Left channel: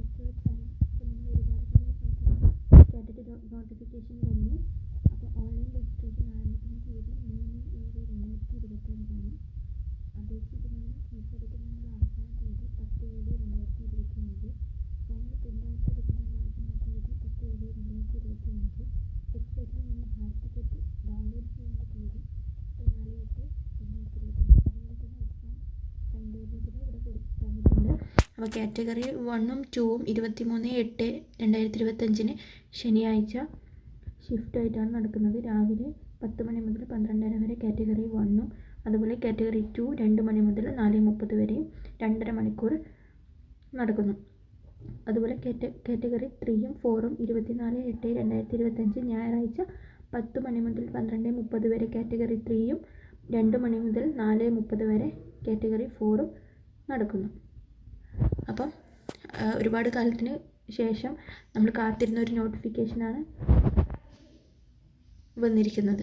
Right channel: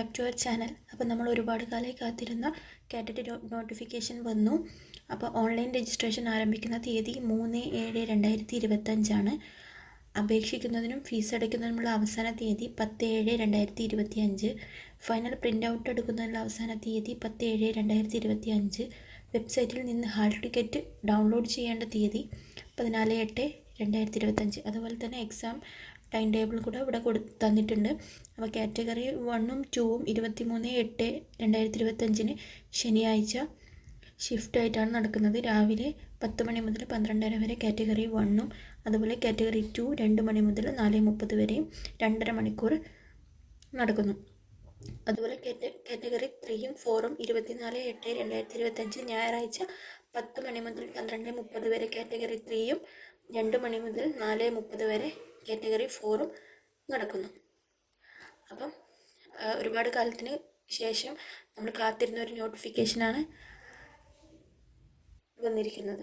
Back to our channel. അപ്പോൾ നമ്മൾ ഒരുപാട് കാലമായി കാത്തിരുന്ന കാറ്ററ്റ് നോട്ടിഫിക്കേഷൻ വന്നു. അപ്പോൾ ഓൺലൈൻ രജിസ്ട്രേഷൻ ആരംഭിക്കുന്ന തീയതി 3/7/2025 അപേക്ഷിക്കുന്നതിനും ഫീസ് അടയ്ക്കുന്നതിനുമുള്ള അവസാന തീയതി 10/7/2025. ഫൈനൽ പ്രിൻ്റ് ഔട്ട് എടുക്കുന്നതിനുള്ള അവസാന തീയതി 10/7/2025. വെബ്സൈറ്റിൽ നിന്ന് ഹാൾ ടിക്കറ്റ് ഡൗൺലോഡ് ചെയ്യേണ്ട തീയതി 14/8/2025. അതുപോലെ തന്നെ എക്സാം ടൈം ടേബിൾ കൂടെ ഇവിടെ തന്നിട്ടുണ്ട്. അപ്പോൾ കാറ്റഗറി 1ഉം 2ഉം 23/8/2025 ശനിയാഴ്ച ഷിഫ്റ്റായിട്ടാണ് നടക്കുന്നത്. രാവിലെ 10 മണി മുതൽ 12:30 വരെ കാറ്റഗറി 1ഉം, അതുപോലെ കാറ്റഗറി 2 2 മണി മുതൽ 4:30 വരെയും 2.5 മണിക്കൂർ നടക്കുന്നു. അതുപോലെ കാറ്റഗറി 3ഉം 4ഉം 24/8/2025 ഞായറാഴ്ച 10 മണി മുതൽ 12:30 വരെ കാറ്റഗറി 3ഉം 2 മണി മുതൽ 4:30 വരെ കാറ്റഗറി 4ഉം നടക്കുന്നു. അപ്പം ഒരുപാട് കാലത്തിന് ശേഷം നമ്മൾ കാത്തിരുന്ന ഒരു നോട്ടിഫിക്കേഷനാണ് വന്നിരിക്കുന്നത്.